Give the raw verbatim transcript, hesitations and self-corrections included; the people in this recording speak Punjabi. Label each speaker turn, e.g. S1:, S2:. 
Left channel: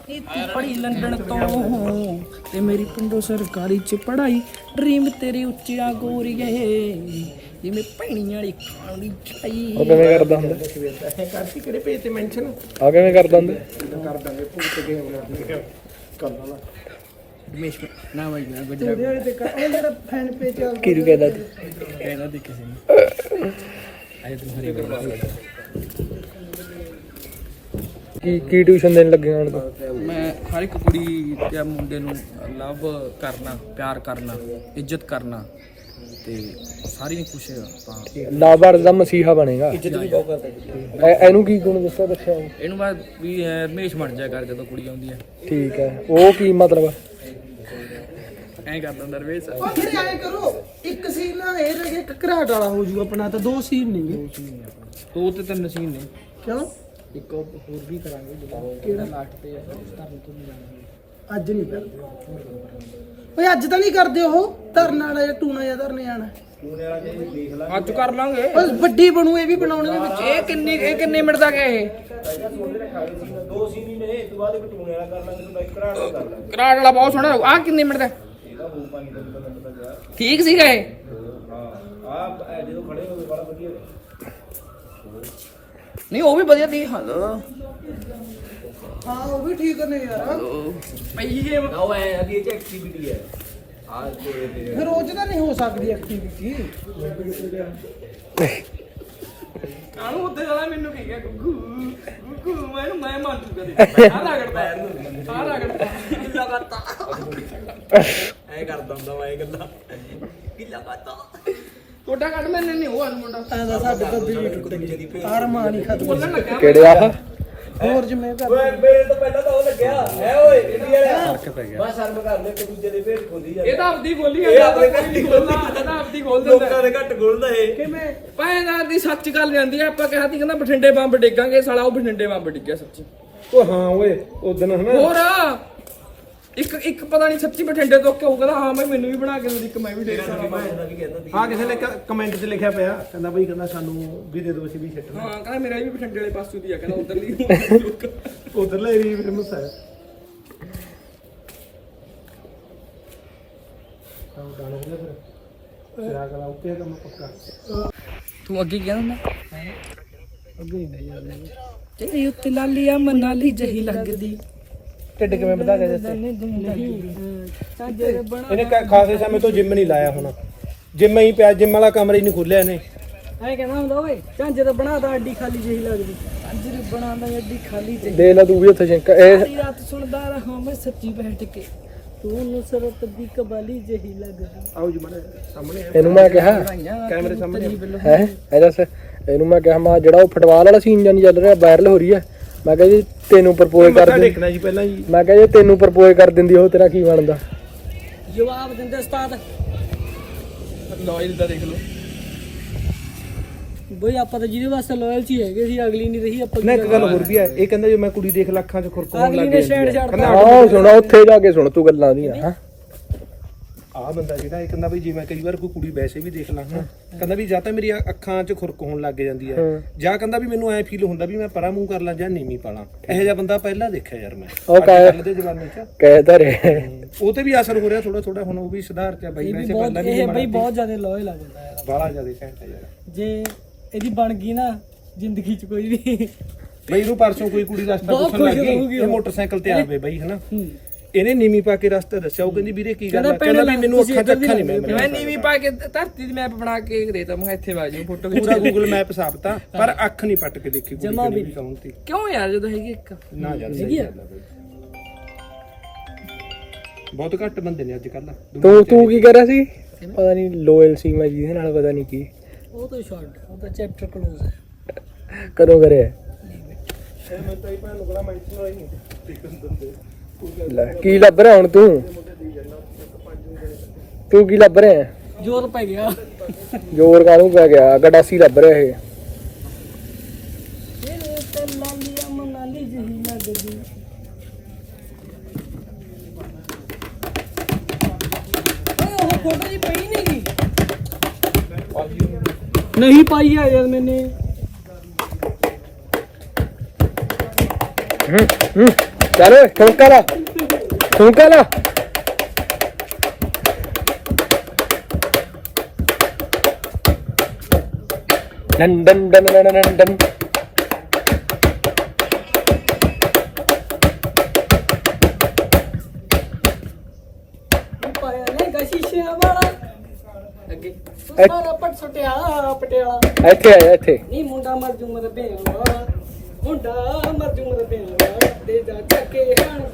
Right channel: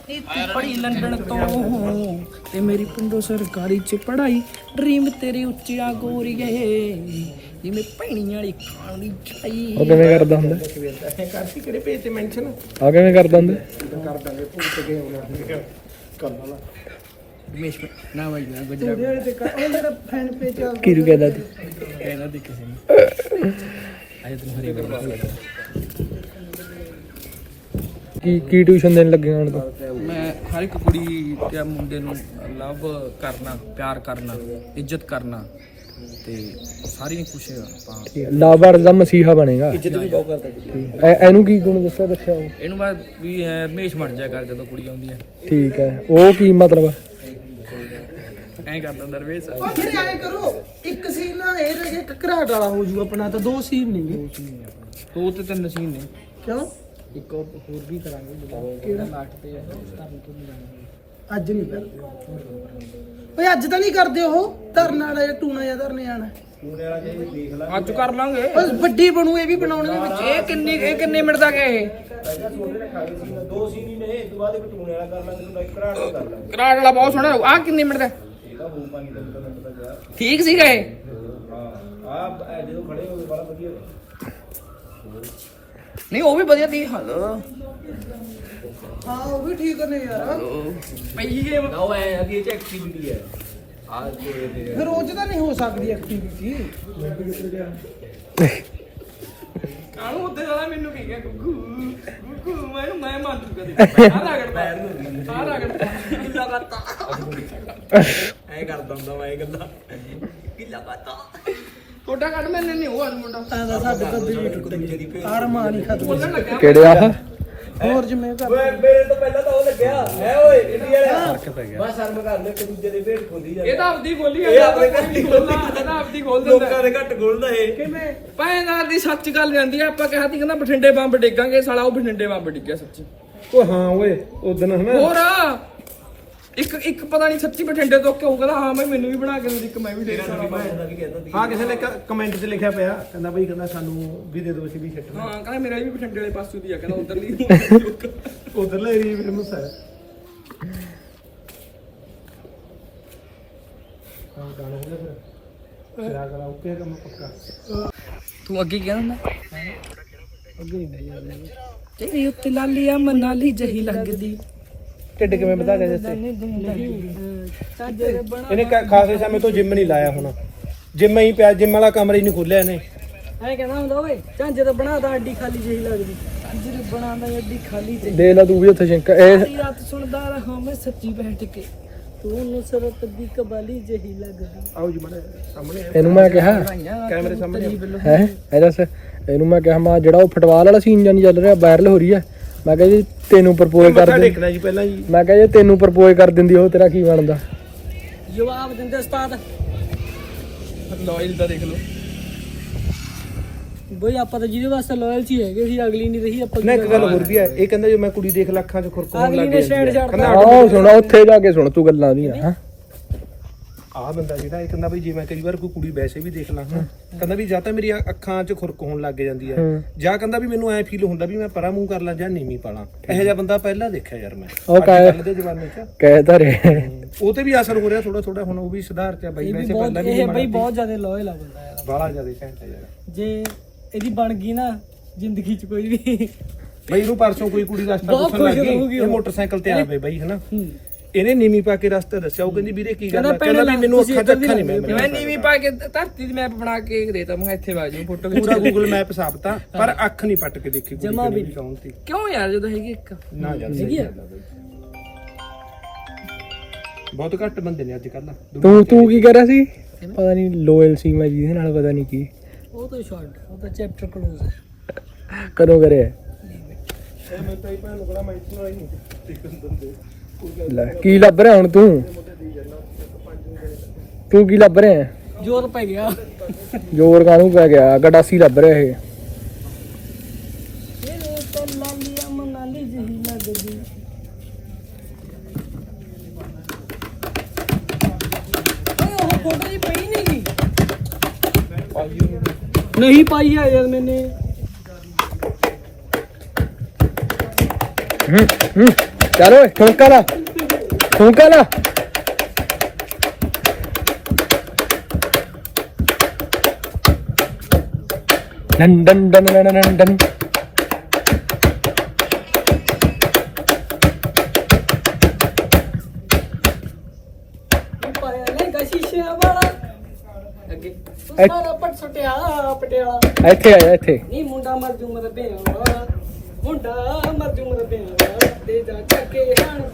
S1: ਨੀਤੀ ਪੜੀ ਲੰਡਨ ਤੋਂ ਤੇ ਮੇਰੀ ਪਿੰਡੋਂ ਸਰਕਾਰੀ ਚ ਪੜਾਈ ਡ੍ਰੀਮ ਤੇਰੇ ਉੱਚਿਆ ਗੋਰੀਏ ਜਿਵੇਂ ਭੈਣੀ ਵਾਲੀ ਖਾਣੀ ਛਾਈ।
S2: ਉਹ ਕਿਵੇਂ ਕਰਦਾ ਹੁੰਦਾ?
S1: ਕਾਸੀ ਕਿਹੜੇ ਪੇਜ ਤੇ ਮੈਂਸ਼ਨ
S2: ਆ ਕਿਵੇਂ ਕਰਦਾ ਹੁੰਦਾ?
S1: ਕਰ ਦਾਂਗੇ ਭੁੱਲ ਕੇ ਆਉਣਾ ਕਰ ਲਾ ਰਮੇਸ਼ ਨਾ ਭਾਈ ਨਾ ਗੁਜਰਾ ਉਹ ਮੇਰਾ ਫੈਨ ਪੇਜ
S2: ਕਿਹਨੂੰ ਕਹਿੰਦਾ ਤੂੰ?
S1: ਕਹਿਣਾ ਦੇਖੇ ਸੀ ਆਏ ਤੂੰ ਹਰੀ ਬੋਲ
S2: ਕੀ ਕੀ ਟਿਊਸ਼ਨ ਦੇਣ ਲੱਗੇ ਹੁਣ ਤੂੰ?
S1: ਮੈਂ ਹਰ ਇੱਕ ਕੁੜੀ ਤੇ ਮੁੰਡੇ ਨੂੰ ਲਵ ਕਰਨਾ, ਪਿਆਰ ਕਰਨਾ, ਇੱਜ਼ਤ ਕਰਨਾ ਤੇ ਸਾਰੀ ਨਹੀਂ ਕੁਛ ਆਪਾਂ
S2: ਲਾਭਾਰ ਦਾ ਮਸੀਹਾ ਬਣੇਗਾ। ਇੱਜ਼ਤ ਵੀ ਬਹੁਤ ਕਰਦਾ। ਇਹਨੂੰ ਕੀ ਗੁਣ ਦੱਸੋ ਦੱਸਿਆ?
S1: ਇਹਨੂੰ ਮੈਂ ਵੀ ਰਮੇਸ਼ ਬਣ ਜਾਇਆ ਕਰ ਜਦੋਂ ਕੁੜੀ ਆਉਂਦੀ ਹੈ।
S2: ਠੀਕ ਹੈ, ਉਹ ਕੀ ਮਤਲਬ?
S1: ਐਂ ਕਰਦਾ ਹੁੰਦਾ ਰਮੇਸ਼।
S3: ਉਹ ਫਿਰ ਐਂ ਕਰੋ ਇੱਕ ਸੀਨ ਨਾ ਇਹ ਜੇ ਘਰਾਟ ਵਾਲਾ ਹੋ ਜੂਗਾ ਆਪਣਾ ਤਾਂ ਦੋ ਸੀਨ ਨਹੀਂ
S1: ਦੋ ਤੇ ਤਿੰਨ ਸੀਨ ਨੇ।
S3: ਕਿਉਂ
S1: ਇੱਕ ਹੋਰ ਵੀ ਕਰਾਂਗੇ ਜਦੋਂ ਕਿਹੜਾ ਲਾਸਟ ਤੇ ਧਰਨ ਤੋਂ ਨਹੀਂ ਜਾਣਾ।
S3: ਅੱਜ ਨਹੀਂ ਕਰਦੇ ਓਏ ਅੱਜ ਤਾਂ ਨਹੀਂ ਕਰਦੇ ਉਹ ਧਰਨ ਵਾਲਾ ਜਾਂ ਟੂਣਾ ਜਾਂ ਧਰਨੇ ਆਣਾ
S1: ਅੱਜ ਕਰ ਲਾਂਗੇ।
S3: ਬਸ ਵੱਡੀ ਬਣੂ ਇਹ ਵੀ ਬਣਾਉਣੇ ਦੇ ਵਿੱਚ।
S1: ਇਹ ਕਿੰਨੀ ਇਹ ਕਿੰਨੇ ਮਿੰਟ ਦਾ ਗਏ?
S4: ਦੋ ਸੀਨੀ ਨੇ ਇਸ ਤੋਂ ਬਾਅਦ ਇੱਕ ਟੂਣੇ ਵਾਲਾ ਕਰ ਲਾਂਗੇ ਤੇ ਘਰਾੜ ਦਾ ਕਰ ਲਾਂਗੇ।
S1: ਕਰਾੜ ਵਾਲਾ ਬਹੁਤ ਸੋਹਣਾ ਆ। ਕਿੰਨੇ ਮਿੰਟ ਦਾ? ਠੀਕ ਸੀ ਗਏ
S4: ਆ ਜਦੋਂ ਖੜੇ ਹੋਏ ਵਾਲਾ ਵਧੀਆ
S1: ਨਹੀਂ ਉਹ ਵੀ ਵਧੀਆ ਦੀ ਹਲ
S3: ਹਾਂ ਉਹ ਵੀ ਠੀਕ ਨੇ ਯਾਰ
S1: ਭਾਈ ਇਹ
S4: ਉਹ ਐ ਅੱਗੇ ਚ ਐਕਟੀਵਿਟੀ ਹੈ ਆ ਕੋਈ
S3: ਫਿਰ ਉਹ ਚ ਤਾਂ ਨਹੀਂ ਹੋ ਸਕਦੀ ਐਕਟੀਵਿਟੀ।
S1: ਕਾਹਨੂੰ ਉੱਤੇ ਵਾਲਾ ਮੈਨੂੰ ਕੀ ਗਿਆ ਕੁੱਕੂ ਕੁੱਕੂ ਮੈਨੂੰ ਮੈਂ ਮੰਨ ਚੁੱਕਾ ਦੇ ਆ ਰਗੜਦਾ ਆ ਰਗੜਦਾ ਕਿੱਲਾ ਕਰਤਾ
S4: ਐ ਕਰਦਾ ਹੁੰਦਾ ਮੈਂ ਇਹ ਗੱਲਾਂ
S1: ਕਿੱਲਾ ਕਰਤਾ ਛੋਟਾ ਕੱਢ ਮੈਨੇ ਨਹੀਂ ਉਹ ਮੁੰਡਾ
S3: ਸਾਡੇ ਤਾਂ ਦਿਲ ਹੀ ਟੁੱਟ ਗਈ ਆੜ ਮਾਰੀ ਖਤਮ
S1: ਬੋਲਣ ਲੱਗਾ
S2: ਕਿਹੜੇ ਆ?
S3: ਹੋਰ ਜਿਵੇਂ ਕਰ
S4: ਓਏ ਮੇਰੇ ਤੋਂ ਪਹਿਲਾਂ ਤਾਂ ਉਹ ਲੱਗਿਆ ਹੈ ਓਏ ਇੰਡੀਆ ਵਾਲਾ ਫਰਕ ਪੈ ਗਿਆ ਬਸ ਸ਼ਰਮ ਕਰ ਲੈ ਇੱਕ ਦੂਜੇ ਦੇ ਭੇਡ ਖੋਲੀ ਜਾਂਦੇ
S1: ਇਹ ਤਾਂ ਆਪਦੀ ਖੋਲੀ
S4: ਇਹ ਆਪਣੇ ਘਰ ਦੀ ਖੋਲੀ
S1: ਇਹ ਤਾਂ ਆਪਦੀ ਖੋਲ ਦਿੰਦਾ
S4: ਲੋਕਾਂ ਦੇ ਘੱਟ ਖੋਲਦਾ ਇਹ
S3: ਕਿਵੇਂ
S1: ਭੈਣਾਂ ਦੀ ਸੱਚ ਗੱਲ ਜਾਂਦੀ ਆ। ਆਪਾਂ ਕਿਹਾ ਸੀ ਕਹਿੰਦਾ ਬਠਿੰਡੇ ਬੰਬ ਡੇਗਾਂਗੇ ਸਾਲਾ ਉਹ ਬਠਿੰਡੇ ਬੰਬ ਡਿੱਗਿਆ ਸੱਚੀ।
S2: ਉਹ ਹਾਂ ਓਏ ਉਦਣ ਹਨਾ
S1: ਹੋਰ ਇੱਕ ਇੱਕ ਪਤਾ ਨਹੀਂ ਸੱਚੀ ਬਠਿੰਡੇ ਤੋਂ ਕਿਉਂ ਕਹਿੰਦਾ ਹਾਂ ਮੈਂ ਮੈਨੂੰ ਵੀ ਬਣਾ ਕੇ ਦਿੰਦੀ ਇੱਕ ਮੈਂ ਵੀ ਡੇਗ ਸਕਦਾ।
S4: ਦਾ ਵੀ ਕਹਿੰਦਾ ਸੀ
S3: ਹਾਂ ਕਿਸੇ ਨੇ ਕਮੈਂਟ 'ਚ ਲਿਖਿਆ ਪਿਆ ਕਹਿੰਦਾ ਬਈ ਕਹਿੰਦਾ ਸਾਨੂੰ ਵੀ ਦੇ ਦਿਓ ਅਸੀਂ ਵੀ ਛੱਡਣਾ
S1: ਹਾਂ ਕਹਿੰਦਾ ਮੇਰਾ ਵੀ ਬਠਿੰਡੇ ਵਾਲੇ ਪਾਸੇ ਦੀ ਆ ਕਹਿੰਦਾ ਉਧਰਲੀ
S3: ਉਧਰਲੇ ਵੀ ਫੇਮਸ ਹੈ। ਕੰਮ ਗਾਣਾ ਹੋ ਗਿਆ ਫਿਰ ਸਿਰਾ ਕਰਾ ਓਕੇ ਕੰਮ ਪੱਕਾ
S1: ਤੂੰ ਅੱਗੇ ਗਿਆ ਨਾ
S3: ਅੱਗੇ ਨਹੀਂ ਯਾਰ
S1: ਤੇਰੀ ਉੱਤੇ ਲਾਲੀਆ ਮਨਾਲੀ ਜਹੀ ਲੱਗਦੀ
S3: ਢਿੱਡ ਕਿਵੇਂ ਵਧਾ ਕੇ ਦਿੱਤੇ ਇਹਨੇ ਖਾਸੇ ਸਮੇਂ ਤੋਂ ਜਿਮ ਨਹੀਂ ਲਾਇਆ ਹੁਣ ਜਿਮ ਹੀ ਪਿਆ ਜਿਮ ਵਾਲਾ ਕਮਰਾ ਹੀ ਨਹੀਂ ਖੋਲਿਆ ਇਹਨੇ
S1: ਐ ਕਹਿੰਦਾ ਹੁੰਦਾ ਓਏ ਝਾਂਜੇ ਤਾਂ ਬਣਾਤਾ ਅੱਡੀ ਖਾਲੀ ਜਹੀ ਲੱਗਦੀ ਝਾਂਜੇ ਨੇ ਬਣਾਤਾ ਅੱਡੀ ਖਾਲੀ ਜਹੀ
S2: ਦੇ ਲੈ ਤੂੰ ਵੀ ਉੱਥੇ ਸ਼ੰਕਾ ਇਹ
S1: ਸਾਰੀ ਰਾਤ ਸੁਣਦਾ ਰਹਾ ਮੈਂ ਸੱਚੀ ਬੈਠ ਕੇ ਤੂੰ ਨਸਰਤ ਦੀ ਕਬਾਲੀ ਜਹੀ ਲੱਗਦੀ।
S3: ਆਓ ਜੀ ਮਨੇ ਸਾਹਮਣੇ
S2: ਇਹਨੂੰ ਮੈਂ ਕਿਹਾ
S3: ਕੈਮਰੇ ਸਾਹਮਣੇ
S2: ਹੈ ਇਹ ਦੱਸ ਇਹਨੂੰ ਮੈਂ ਕਿਹਾ ਮੈਂ ਜਿਹੜਾ ਉਹ ਫੁੱਟਬਾਲ ਵਾਲਾ ਸੀਨ ਜਾਨੀ ਚੱਲ ਰਿਹਾ ਵਾਇਰਲ ਹੋ ਰਹੀ ਹੈ ਮੈਂ ਕਿਹਾ ਜੀ ਤੈਨੂੰ ਪ੍ਰਪੋਜ਼ ਕਰ ਦੇ
S3: ਦੇਖਣਾ ਜੀ ਪਹਿਲਾਂ ਜੀ
S2: ਮੈਂ ਕਿਹਾ ਜੇ ਤੈਨੂੰ ਪ੍ਰਪੋਜ਼ ਕਰ ਦਿੰਦੀ ਉਹ ਤੇਰਾ ਕੀ ਬਣਦਾ?
S1: ਜਵਾਬ ਦਿੰਦੇ ਉਸਤਾਦ ਲਾਇਲ ਦਾ ਦੇਖ ਲਓ ਬਈ ਆਪਾਂ ਤਾਂ ਜਿਹਦੇ ਵਾਸਤੇ ਲਾਇਲ ਸੀ ਹੈਗੇ ਸੀ ਅਗਲੀ ਨਹੀਂ ਰਹੀ ਆਪਾਂ
S3: ਨਾ ਇੱਕ ਗੱਲ ਹੋਰ ਵੀ ਹੈ ਇਹ ਕਹਿੰਦਾ ਜੇ ਮੈਂ ਕੁੜੀ ਦੇਖ ਲੱਖਾਂ ਚ ਖੁਰਕ ਹੋਣ
S1: ਅਗਲੀ
S3: ਲੱਗ
S1: ਨੇ ਸਟੈਂਡ ਛੱਡਦਾ
S2: ਆਹ ਸੁਣ ਉੱਥੇ ਜਾ ਕੇ ਸੁਣ ਤੂੰ ਗੱਲਾਂ ਉਹਦੀਆਂ ਹਾਂ
S3: ਆਹ ਬੰਦਾ ਜਿਹੜਾ ਇਹ ਕਹਿੰਦਾ ਬਈ ਜੇ ਮੈਂ ਕਈ ਵਾਰ ਕੋਈ ਕੁੜੀ ਵੈਸੇ ਵੀ ਦੇਖ ਲਾਂ ਕਹਿੰਦਾ ਵੀ ਜਾਂ ਤਾਂ ਮੇਰੀ ਅੱਖਾਂ 'ਚ ਖੁਰਕ ਹੋਣ ਲੱਗ ਜਾਂਦੀ ਹੈ ਜਾਂ ਕਹਿੰਦਾ ਵੀ ਮੈਨੂੰ ਐ ਫੀਲ ਹੁੰਦਾ ਵੀ ਮੈਂ ਪਰਾਂ ਮੂੰਹ ਕਰ ਲਾਂ ਜਾਂ ਨੀਵੀਂ ਪਾ ਲਾਂ। ਇਹੋ ਜਿਹਾ ਬੰਦਾ ਪਹਿਲਾਂ ਦੇਖਿਆ ਯਾਰ ਮੈਂ
S2: ਉਹ ਕਹਿ
S3: ਦੇ ਜ਼ਮਾਨੇ 'ਚ
S2: ਕਹਿ ਤਾਂ ਰੇ
S3: ਉਹ ਤੇ ਵੀ ਅਸਰ ਹੋ ਰਿਹਾ ਥੋੜਾ ਥੋੜਾ ਹੁਣ ਉਹ ਵੀ ਸੁਧਾਰ ਚ ਬਾਈ ਵੈਸੇ ਪਹਿਲਾਂ ਵੀ
S1: ਇਹ ਬਈ ਬਹੁਤ ਜ਼ਿਆਦਾ ਲਾਇਲ ਆ ਬੰਦਾ ਯਾਰ
S3: ਬਾਹਲਾ ਜ਼ਿਆਦਾ ਸੈਂਟ ਹੈ ਯਾਰ
S1: ਜੇ ਇਹਦੀ ਬਣ ਗਈ ਨਾ ਜ਼ਿੰਦਗੀ 'ਚ ਕੋਈ ਵੀ
S3: ਬਈ ਇਹਨੂੰ ਪਰਸੋਂ ਕੋਈ ਕੁੜੀ ਰਸਤਾ
S1: ਬਹੁਤ
S3: ਪੁੱਛਣ ਲੱਗ
S1: ਖੁਸ਼
S3: ਗਈ
S1: ਹੋਊਗੀ
S3: ਇਹ
S1: ਉਹ।
S3: ਮੋਟਰਸਾਈਕਲ ਤੇ ਆਵੇ ਬਈ ਹਨਾ ਇਹਨੇ ਨੀਵੀਂ ਪਾ ਕੇ ਰਸਤਾ ਦੱਸਿਆ ਉਹ ਕਹਿੰਦੀ ਵੀਰੇ ਕੀ ਗੱਲ ਹੈ
S1: ਕਹਿੰਦਾ
S3: ਕਹਿੰਦਾ ਵੀ ਮੈਨੂੰ ਅੱਖਾਂ ਚ ਅੱਖਾਂ ਨਹੀਂ ਮੈਂ
S1: ਮੈਂ ਨੀਵੀਂ ਪਾ ਕੇ ਧਰਤੀ ਦੀ ਮੈਪ ਬਣਾ ਕੇ ਦੇਤਾ ਮੈਂ ਇੱਥੇ ਵਾ ਜੀ ਫੋਟੋ
S3: ਪੂਰਾ ਗੂਗਲ ਮੈਪ ਸਾਫਤਾ ਪਰ ਅੱਖ ਨਹੀਂ ਪੱਟ ਕੇ ਦੇਖੀ
S1: ਜਮਾ ਵੀ
S3: ਨਹੀਂ ਕਹੂੰਤੀ
S1: ਕਿਉਂ ਯਾਰ ਜਦੋਂ ਹੈਗੀ ਇੱਕ
S3: ਨਾ ਯਾਰ
S1: ਹੈਗੀ ਆ
S3: ਬਹੁਤ ਘੱਟ ਬੰਦੇ ਨੇ ਅੱਜ ਕੱਲ
S2: ਤੂੰ ਤੂੰ ਕੀ ਕਰ ਰਿਹਾ ਸੀ? ਪਤਾ ਨਹੀਂ ਲੋਇਲ ਸੀ ਮੈਂ ਜਿਹਦੇ ਨਾਲ ਪਤਾ ਨਹੀਂ ਕੀ
S1: ਉਹ ਤਾਂ ਸ਼ਾਰਟ ਉਹ ਤਾਂ ਚੈਪਟਰ ਕਲੋਜ਼ ਹੈ
S2: ਕਦੋਂ ਕਰਿਆ? ਲੈ ਕੀ ਲੱਭ ਰਿਹਾ ਹੁਣ ਤੂੰ? ਤੂੰ ਕੀ ਲੱਭ ਰਿਹਾ?
S1: ਜ਼ੋਰ ਪੈ ਗਿਆ
S2: ਜ਼ੋਰ ਕਾਹਨੂੰ ਪੈ ਗਿਆ? ਗਡਾਸੀ ਲੱਭ ਰਿਹਾ ਇਹ।
S1: ਮਨਾਲੀ ਜਹੀ ਲੱਗਦੀ ਓਏ ਉਹ ਫੋਟੋ ਜੀ ਪਈ ਨਹੀਂ ਗਈ ਨਹੀਂ ਪਾਈ ਹੈ ਯਾਰ ਮੈਨੇ
S2: ਚੱਲ ਓਏ ਠੋਕਾ ਲਾ ਠੋਕਾ ਲਾ ਡੰ ਡੰ ਡੰ ਡੰ ਡੰ ਡੰ
S1: ਪਾਇਆ ਨੇ ਕਸ਼ੀਸ਼ੇ ਵਾਲਾ ਅੱਗੇ
S2: ਐ-
S1: ਸਾਰਾ ਪਟ ਸੁਟਿਆ ਪਟਿਆਲਾ
S2: ਇੱਥੇ ਆ ਜਾ ਇੱਥੇ
S1: ਨੀ ਮੁੰਡਾ ਮਰ ਜੂ ਮਰ ਬੇਵਾ ਮੁੰਡਾ ਮਰ ਜੂ ਮਰ ਬੇਵਾ ਦੇ ਜਾ ਚੱਕੇ ਹਣ